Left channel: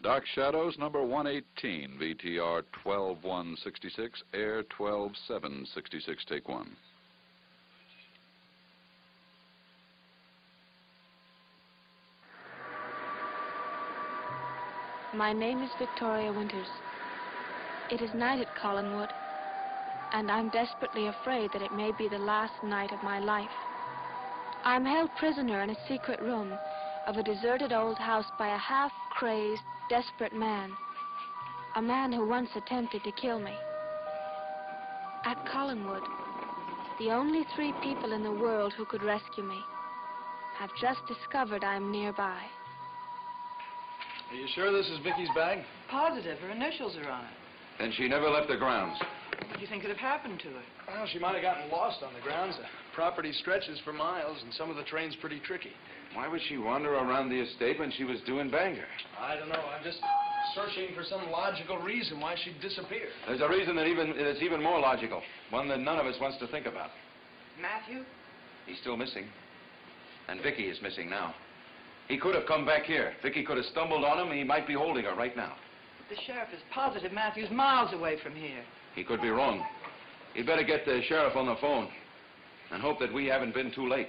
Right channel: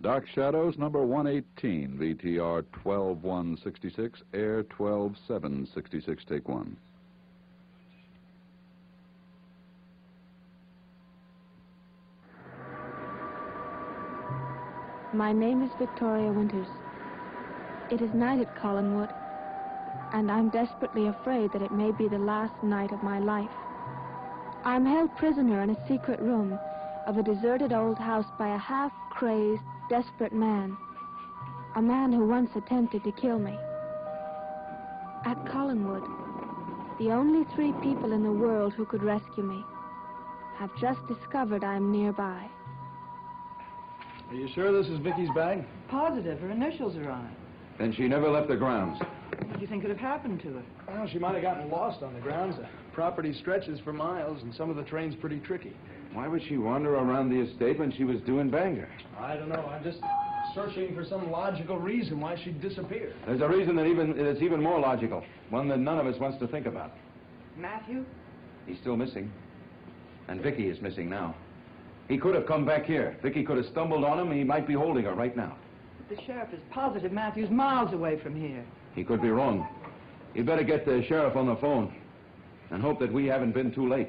Dark Shadows, number 118, VTR 12166, air 12766, take one. My name is Victoria Winters. It is night at Collinwood, and I'm desperately afraid that it may be the last night of my life. I'm held prisoner in a secret room of a deserted old house by a half-crazed, desperate man. A man who once attempted to kill me. At Collinwood, the only 3 people in the world who could rescue me have just discovered I'm nearby. Are you sure this is Vicky's bag? Positive. Her initials are on it. Then she never left the grounds. What do you think could have happened to her? Well, she might have gotten lost on the grounds. The property stretches for miles, and some of the terrain's pretty tricky. Why would she wander around the estate when she was due in Bangor? I don't know. I'm just searching for some logical reason why she'd disappear. There's a reason that's even more logical. One that none of us wants to think about. Matthew? He's still missing. And Vicky is missing now. He could have come back here. Vicky could have stumbled on him, and he might be holding her right now. The sheriff is positive Matthew's miles away from here. He could be wrong. You'd better get the sheriff on the phone and hope that we haven't been too late.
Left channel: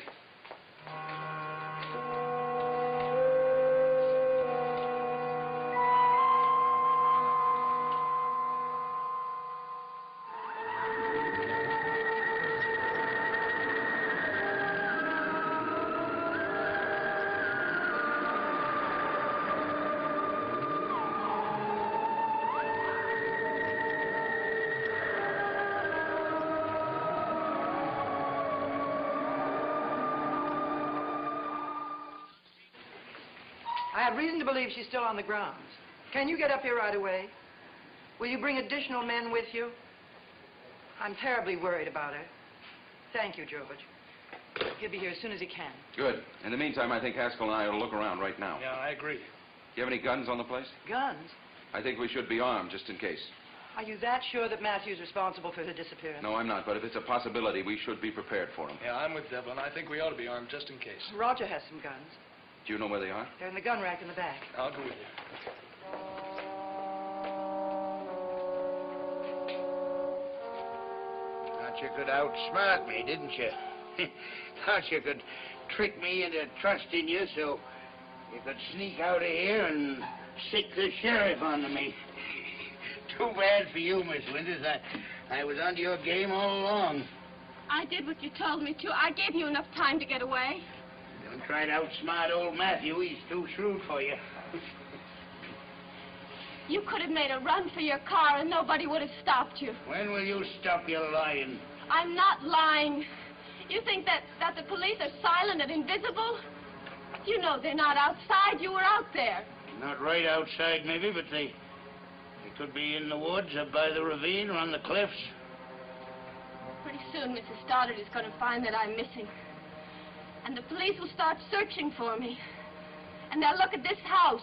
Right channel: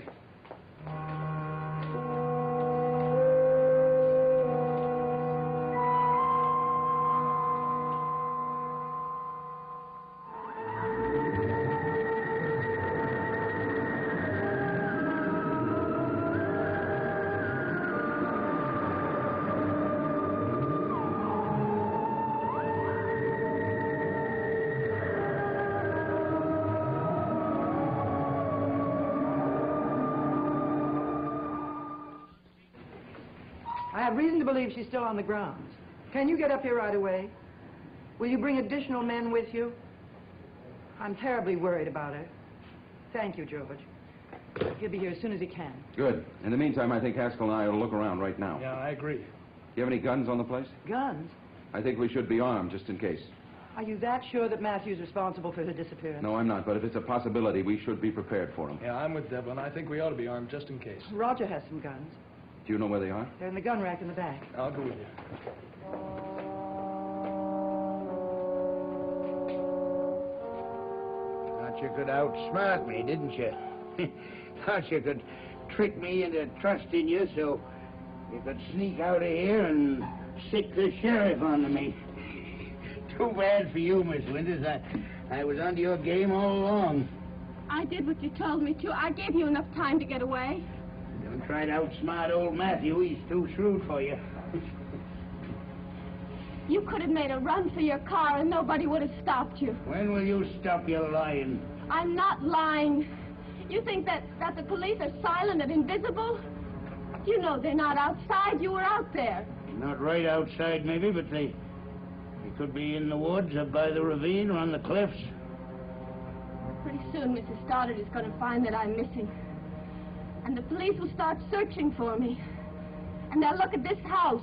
I have reason to believe she's still on the grounds. Can you get up here right away? Will you bring additional men with you? I'm terribly worried about her. Thank you, George. He'll be here as soon as he can. Good. In the meantime, I think Haskell and I ought to look around right now. Yeah, I agree. Do you have any guns on the place? Guns? I think we should be armed, just in case. Are you that sure that Matthew's responsible for her disappearance? No, I'm not, but if it's a possibility, we should be prepared for him. Yeah, I'm with Devlin. I think we ought to be armed just in case. Roger has some guns. Do you know where they are? They're in the gun rack in the back. I'll go with you. Thought you could outsmart me, didn't you? Thought you could trick me into trusting you so you could sneak out of here and sick the sheriff onto me. Too bad for you, Miss Winters. I was onto your game all along. I did what you told me to. I gave you enough time to get away. Don't try to outsmart old Matthew. He's too shrewd for you. You could have made a run for your car and nobody would have stopped you. When will you stop your lying? I'm not lying. You think that the police are silent and invisible? You know they're not outside. You were out there. Not right outside, maybe, but they could be in the woods up by the ravine or on the cliffs. Pretty soon, Mrs. Stoddard is going to find that I'm missing. And the police will start searching for me. And they'll look at this house.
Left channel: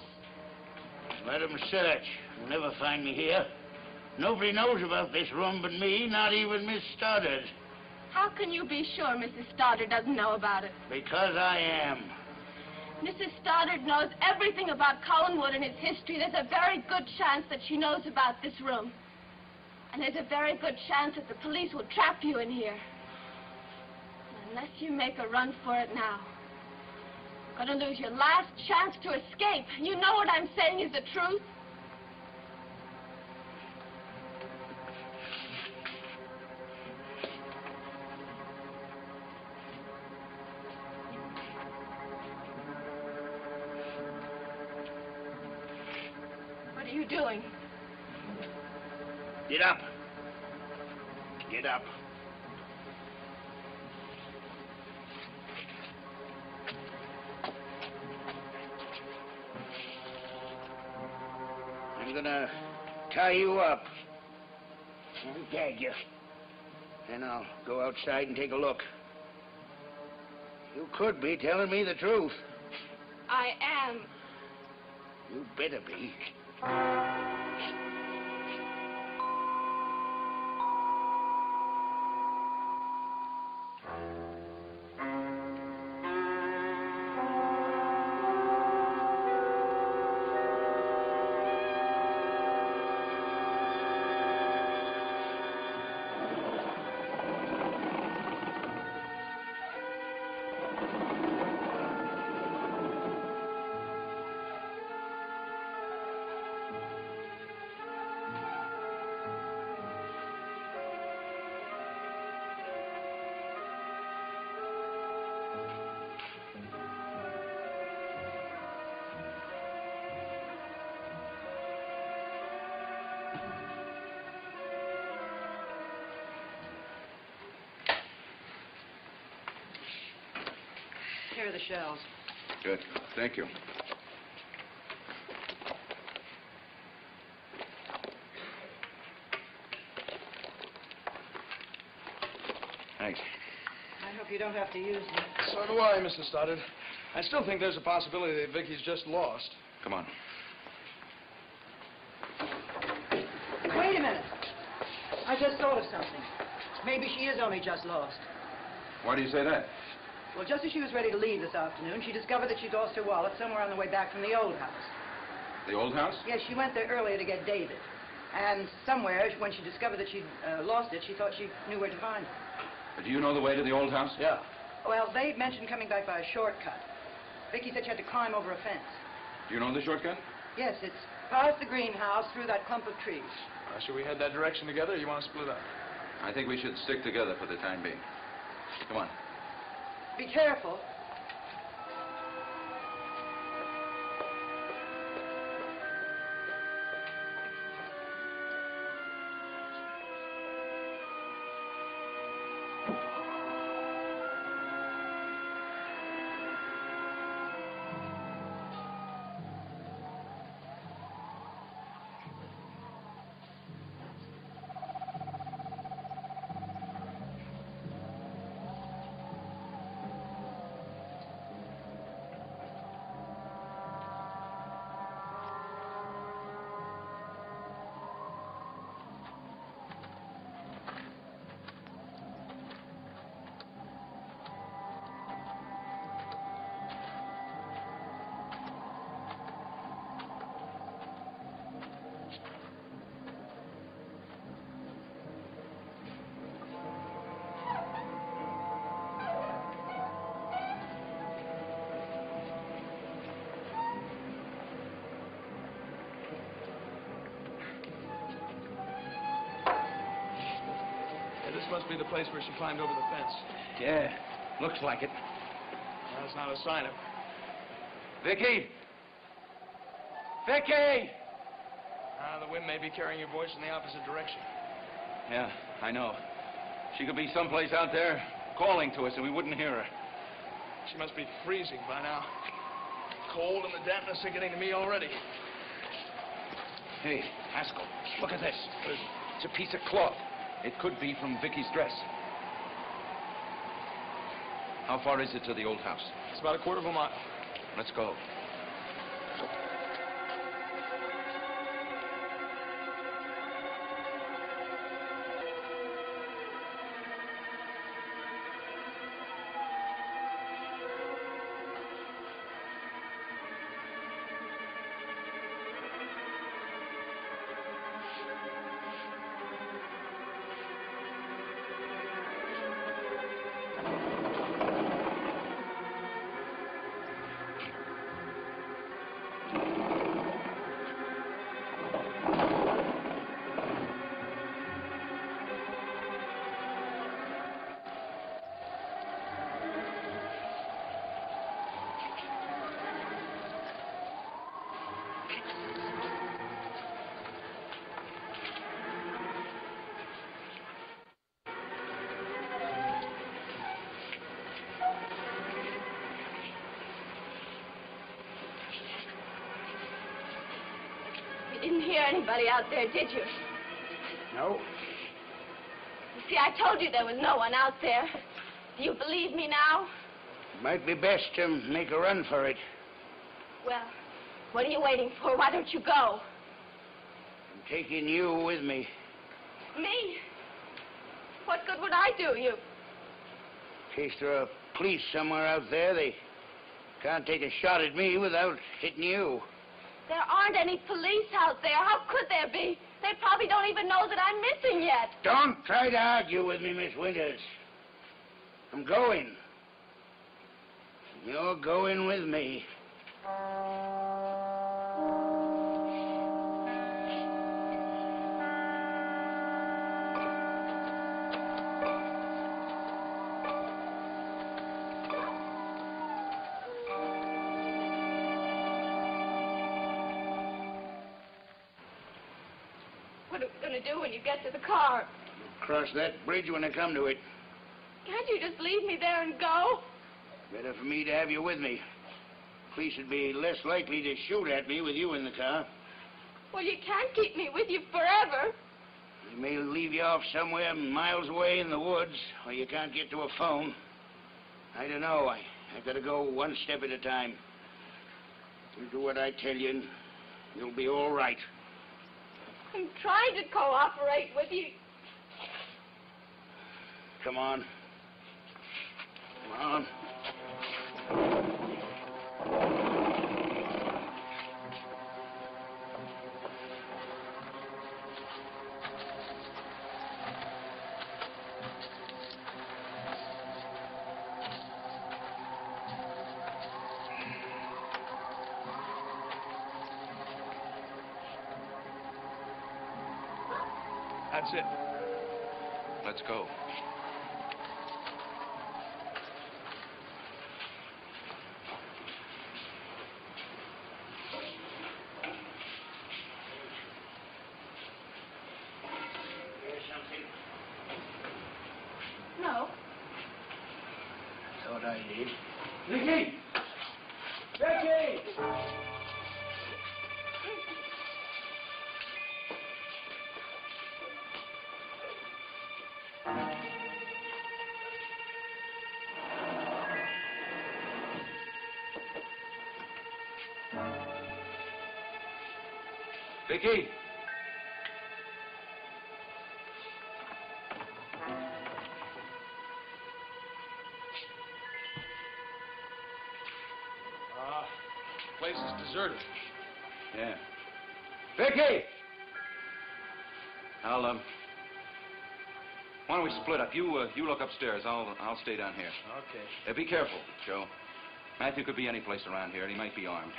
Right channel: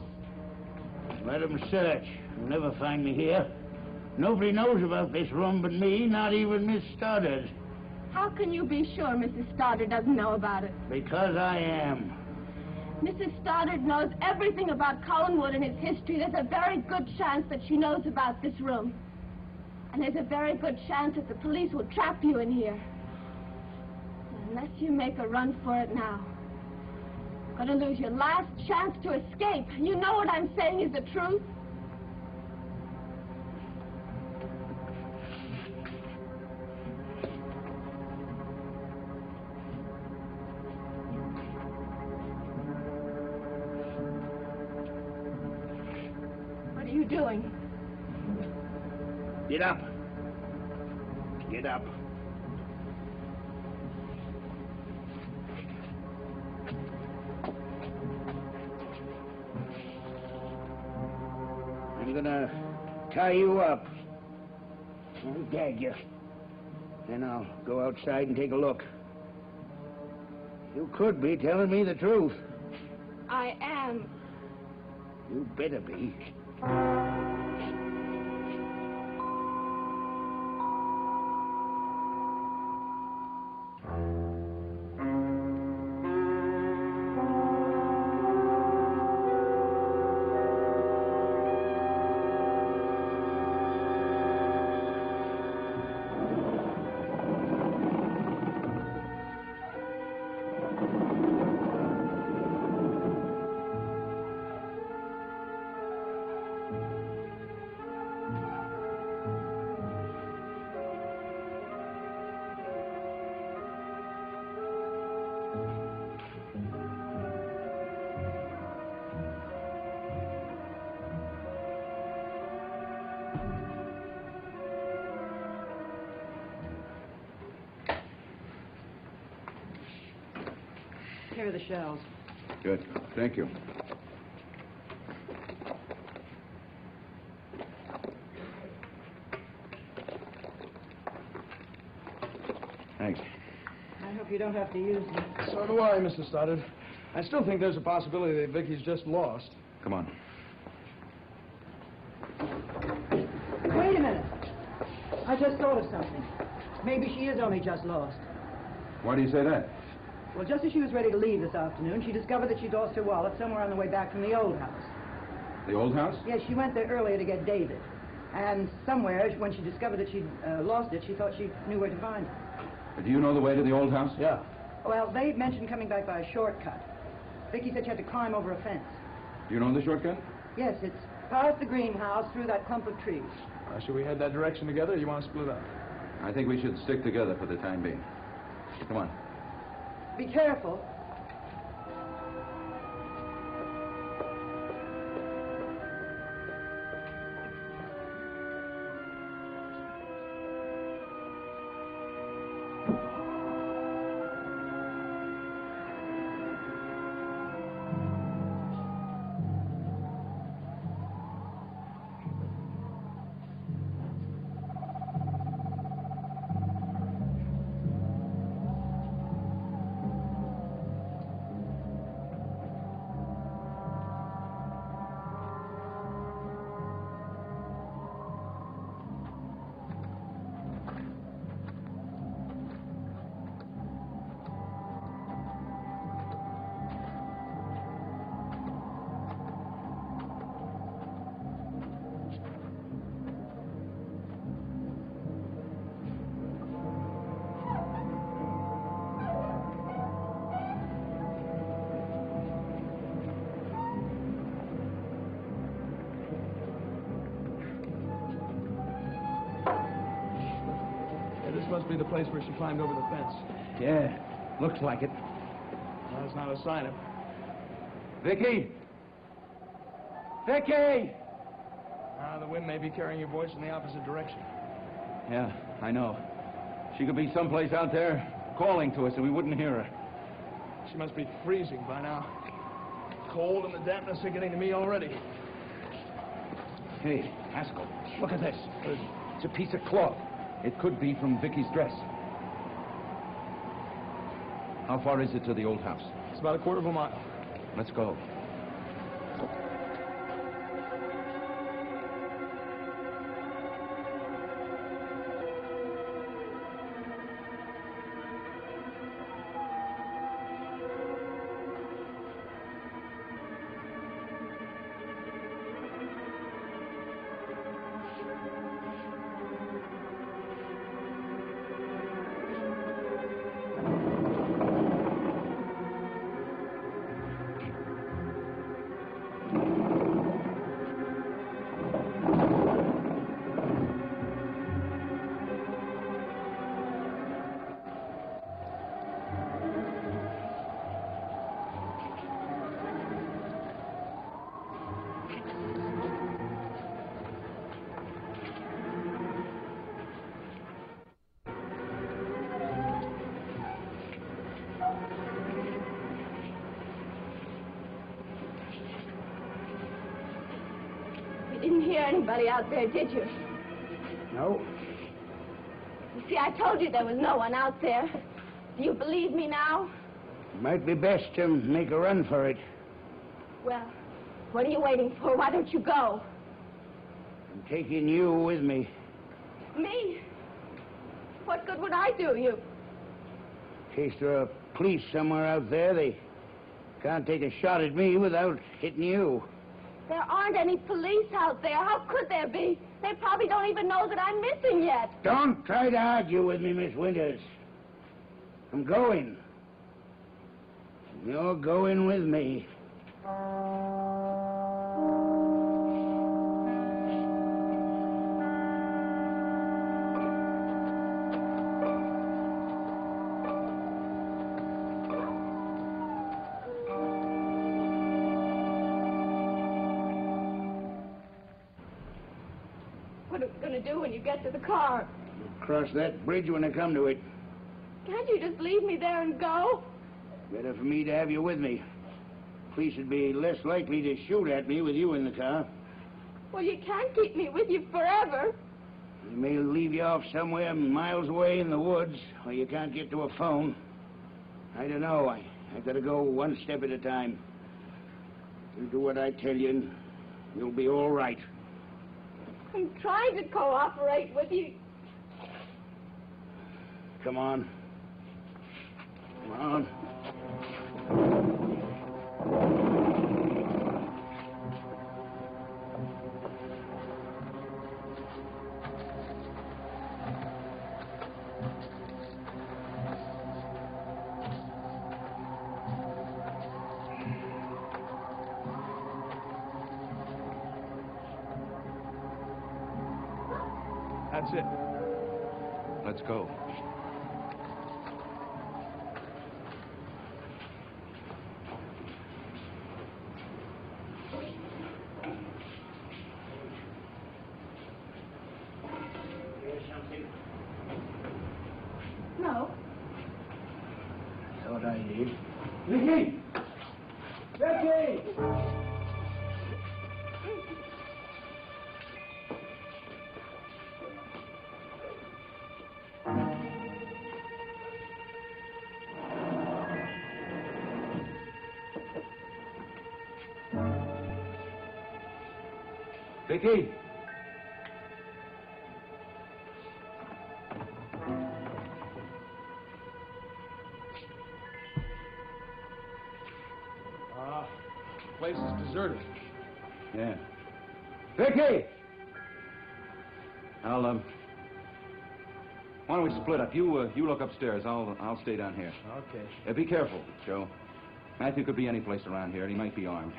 Let them search. They'll never find me here. Nobody knows about this room but me, not even Miss Stoddard. How can you be sure Mrs. Stoddard doesn't know about it? Because I am. Mrs. Stoddard knows everything about Collinwood and its history. There's a very good chance that she knows about this room. And there's a very good chance that the police will trap you in here. Unless you make a run for it now. You're going to lose your last chance to escape. You know what I'm saying is the truth. What are you doing? Get up. Get up. I'm gonna tie you up and gag you. Then I'll go outside and take a look. You could be telling me the truth. I am. You better be. care of the shells. Good. Thank you. Thanks. I hope you don't have to use them. So do I, Mr. Stoddard. I still think there's a possibility that Vicky's just lost. Come on. Wait a minute. I just thought of something. Maybe she is only just lost. Why do you say that? Well, just as she was ready to leave this afternoon, she discovered that she'd lost her wallet somewhere on the way back from the old house. The old house? Yes, she went there earlier to get David. And somewhere, when she discovered that she'd lost it, she thought she knew where to find it. Do you know the way to the old house? Yeah. Well, they mentioned coming back by a shortcut. Vicky said she had to climb over a fence. Do you know the shortcut? Yes, it's past the greenhouse, through that clump of trees. Should we head that direction together, or you want to split up? I think we should stick together for the time being. Come on. Be careful. This must be the place where she climbed over the fence. Yeah, looks like it. That's not a sign of... Vicky! Vicky! The wind may be carrying your voice in the opposite direction. Yeah, I know. She could be someplace out there calling to us and we wouldn't hear her. She must be freezing by now. Cold and the dampness are getting to me already. Hey, Haskell, look at this. It's a piece of cloth. It could be from Vicky's dress. How far is it to the old house? It's about a quarter of a mile. Let's go. You didn't hear anybody out there, did you? No. You see, I told you there was no one out there. Do you believe me now? It might be best to make a run for it. Well, what are you waiting for? Why don't you go? I'm taking you with me. Me? What good would I do you? In case there are police somewhere out there, they can't take a shot at me without hitting you. There aren't any police out there. How could there be? They probably don't even know that I'm missing yet. Don't try to argue with me, Miss Winters. I'm going. You're going with me. What are we going to do when you get to the car? We'll cross that bridge when I come to it. Can't you just leave me there and go? Better for me to have you with me. Police would be less likely to shoot at me with you in the car. Well, you can't keep me with you forever. They may leave you off somewhere miles away in the woods, or you can't get to a phone. I don't know. I've got to go one step at a time. You do what I tell you, and you'll be all right. I'm trying to cooperate with you. Come on. Come on. That's it. Let's go. Here's something. No. Thought I did. Vicky! Vicky! Vicky! Place is deserted. Yeah. Vicky! Why don't we split up? You look upstairs. I'll stay down here. Okay. Be careful, Joe. Matthew could be any place around here, and he might be armed.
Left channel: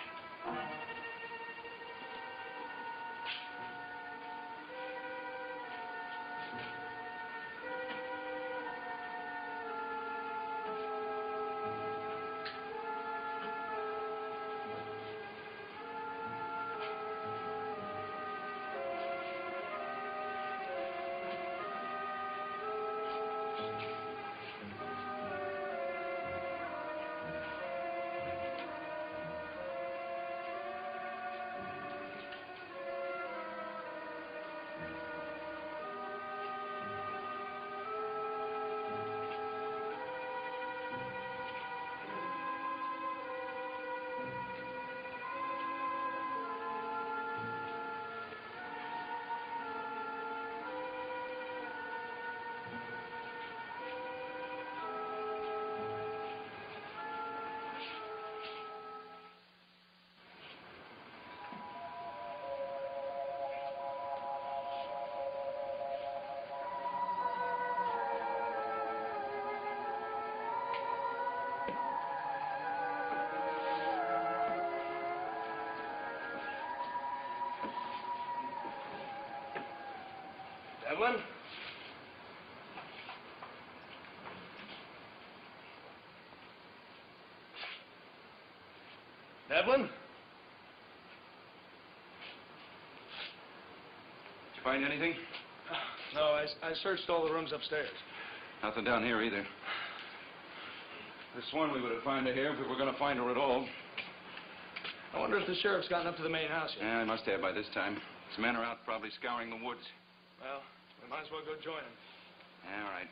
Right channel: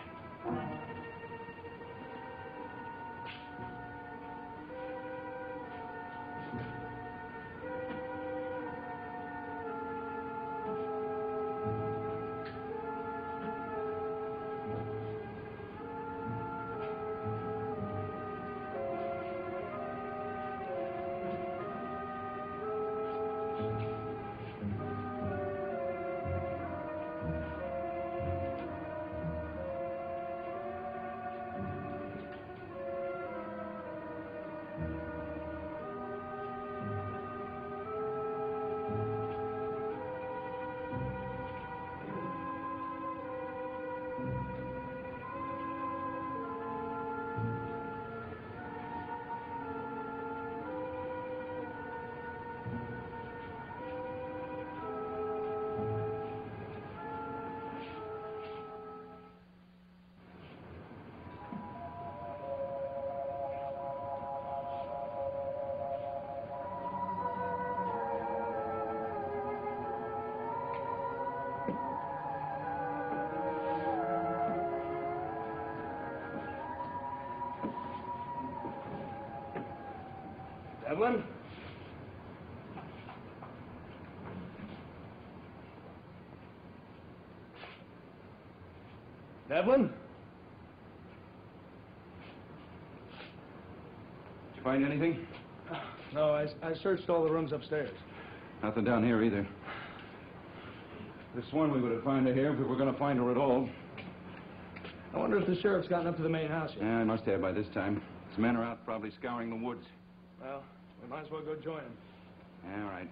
Evelyn? Evelyn? Did you find anything? No, I searched all the rooms upstairs. Nothing down here either. This one we would have found her here if we were going to find her at all. I wonder if the sheriff's gotten up to the main house yet. Yeah, I must have by this time. His men are out probably scouring the woods. Well, we might as well go join him. Yeah, all right.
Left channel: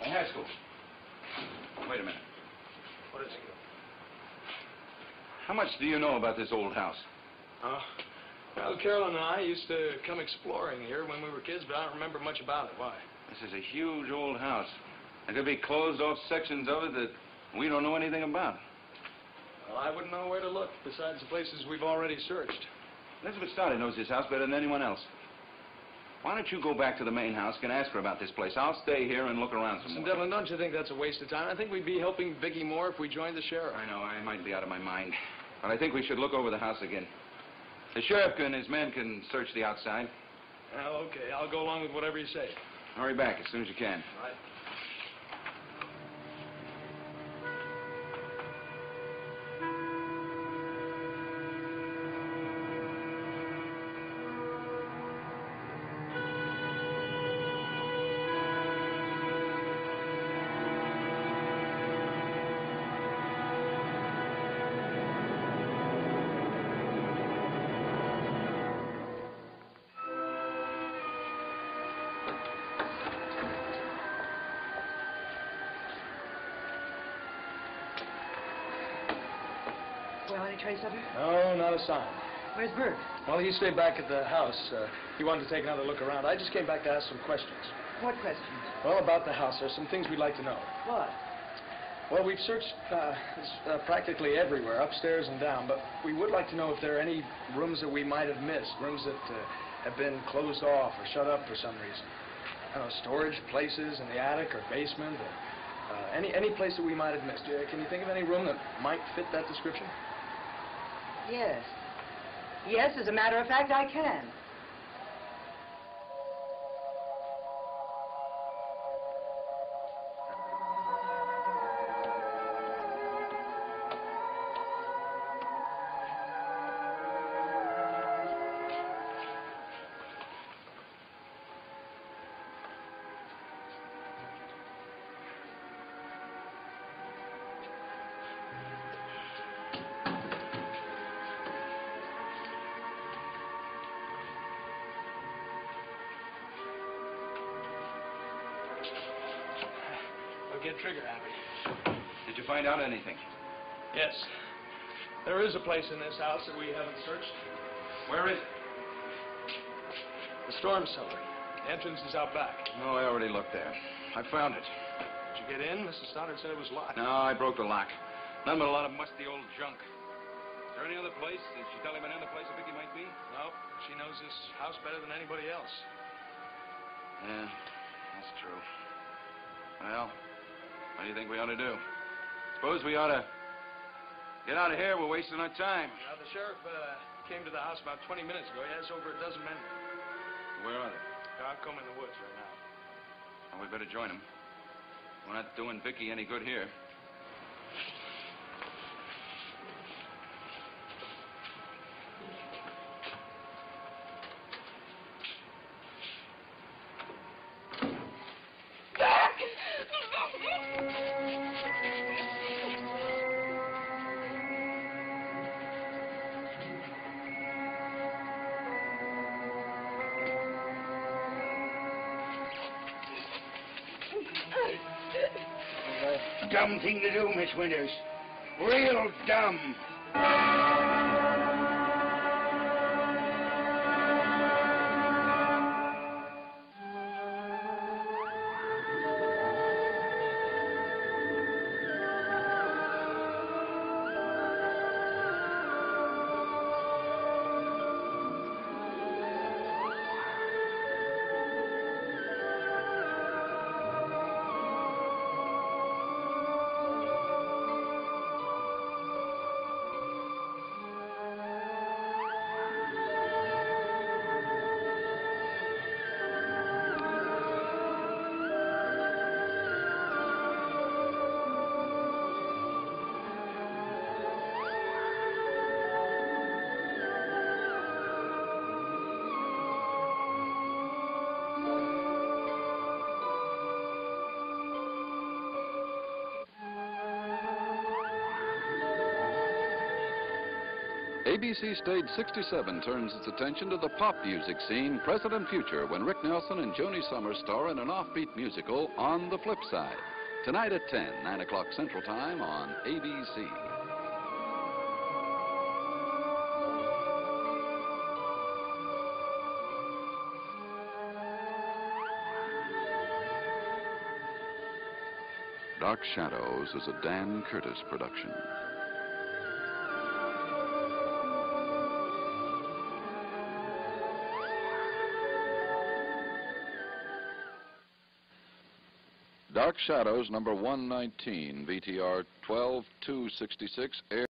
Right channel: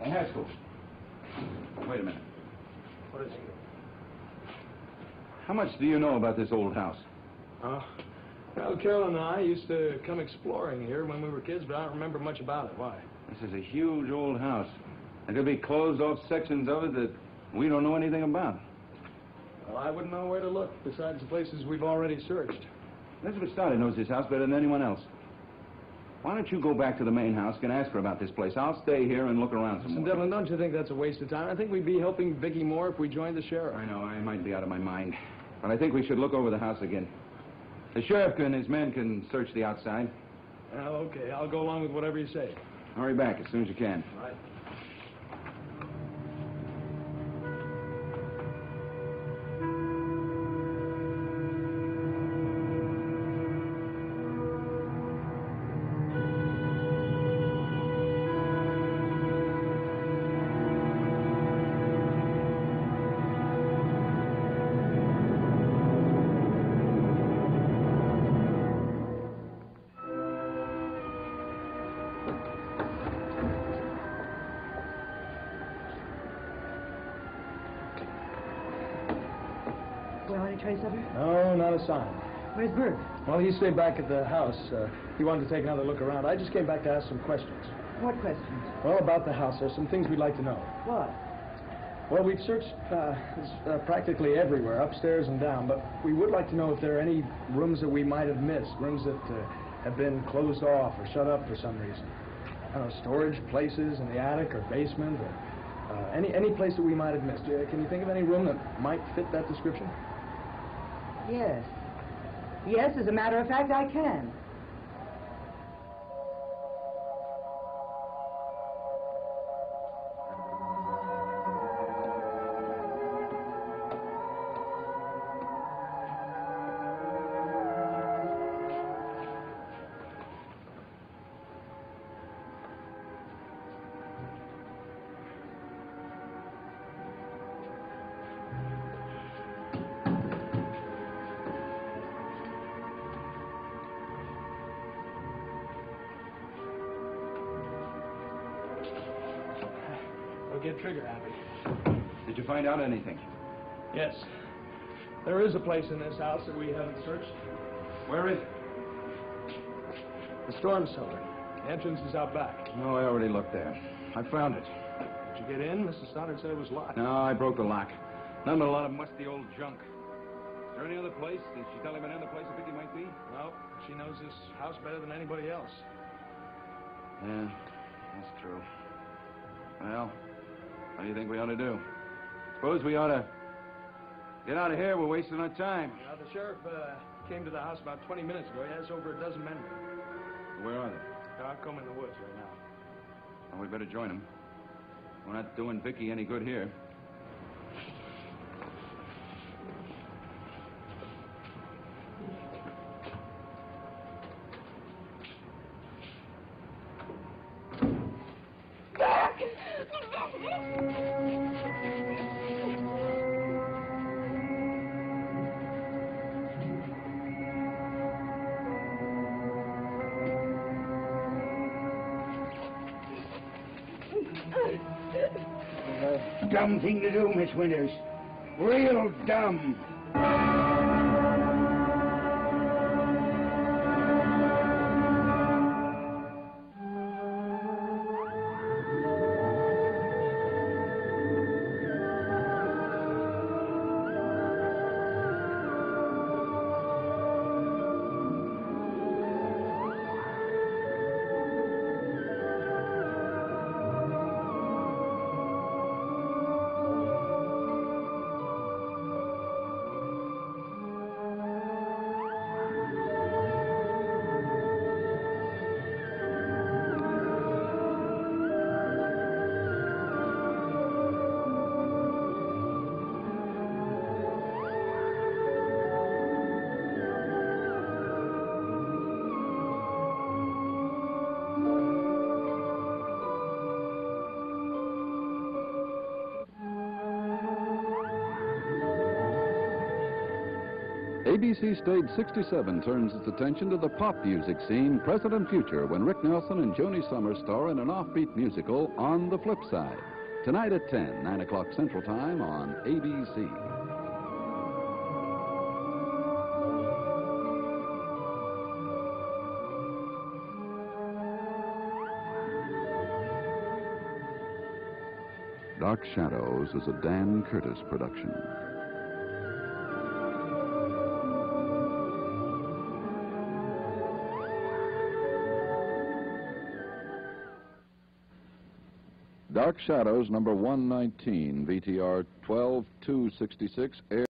Hey, Haskell. Wait a minute. What is it? How much do you know about this old house? Well, Carol and I used to come exploring here when we were kids, but I don't remember much about it. Why? This is a huge old house. There could be closed-off sections of it that we don't know anything about. Well, I wouldn't know where to look besides the places we've already searched. Elizabeth Stoddard knows this house better than anyone else. Why don't you go back to the main house and ask her about this place? I'll stay here and look around some Listen, more. Devlin, don't you think that's a waste of time? I think we'd be helping Vicky more if we joined the sheriff. I know, I might be out of my mind. But I think we should look over the house again. The sheriff and his men can search the outside. Well, okay. I'll go along with whatever you say. Hurry back as soon as you can. All right. any trace of her? No, not a sign. Where's Bert? Well, he stayed back at the house. He wanted to take another look around. I just came back to ask some questions. What questions? Well, about the house, there's some things we'd like to know. What? Well, we've searched practically everywhere, upstairs and down, but we would like to know if there are any rooms that we might have missed, rooms that have been closed off or shut up for some reason. I don't know, storage places in the attic or basement, or any place that we might have missed. Can you think of any room that might fit that description? Yes. Yes, as a matter of fact, I can. I'll get trigger happy. Did you find out anything? Yes. There is a place in this house that we haven't searched. Where is it? The storm cellar. The entrance is out back. No, I already looked there. I found it. Did you get in? Mrs. Stoddard said it was locked. No, I broke the lock. Nothing but a lot of musty old junk. Is there any other place? Did she tell him any other place that Vicky might be? No, she knows this house better than anybody else. Yeah, that's true. Well, what do you think we ought to do? Suppose we ought to get out of here. We're wasting our time. Now, the sheriff came to the house about 20 minutes ago. He has over a dozen men there. Where are they? They're out combing the woods right now. Well, we better join them. We're not doing Vicky any good here. Dumb thing to do, Miss Winters. Real dumb. ABC Stage 67 turns its attention to the pop music scene, present and future, when Rick Nelson and Joni Summers star in an offbeat musical, On the Flip Side. Tonight at 10, 9 o'clock Central Time on ABC. Dark Shadows is a Dan Curtis production. Dark Shadows, number 119, VTR 12266, air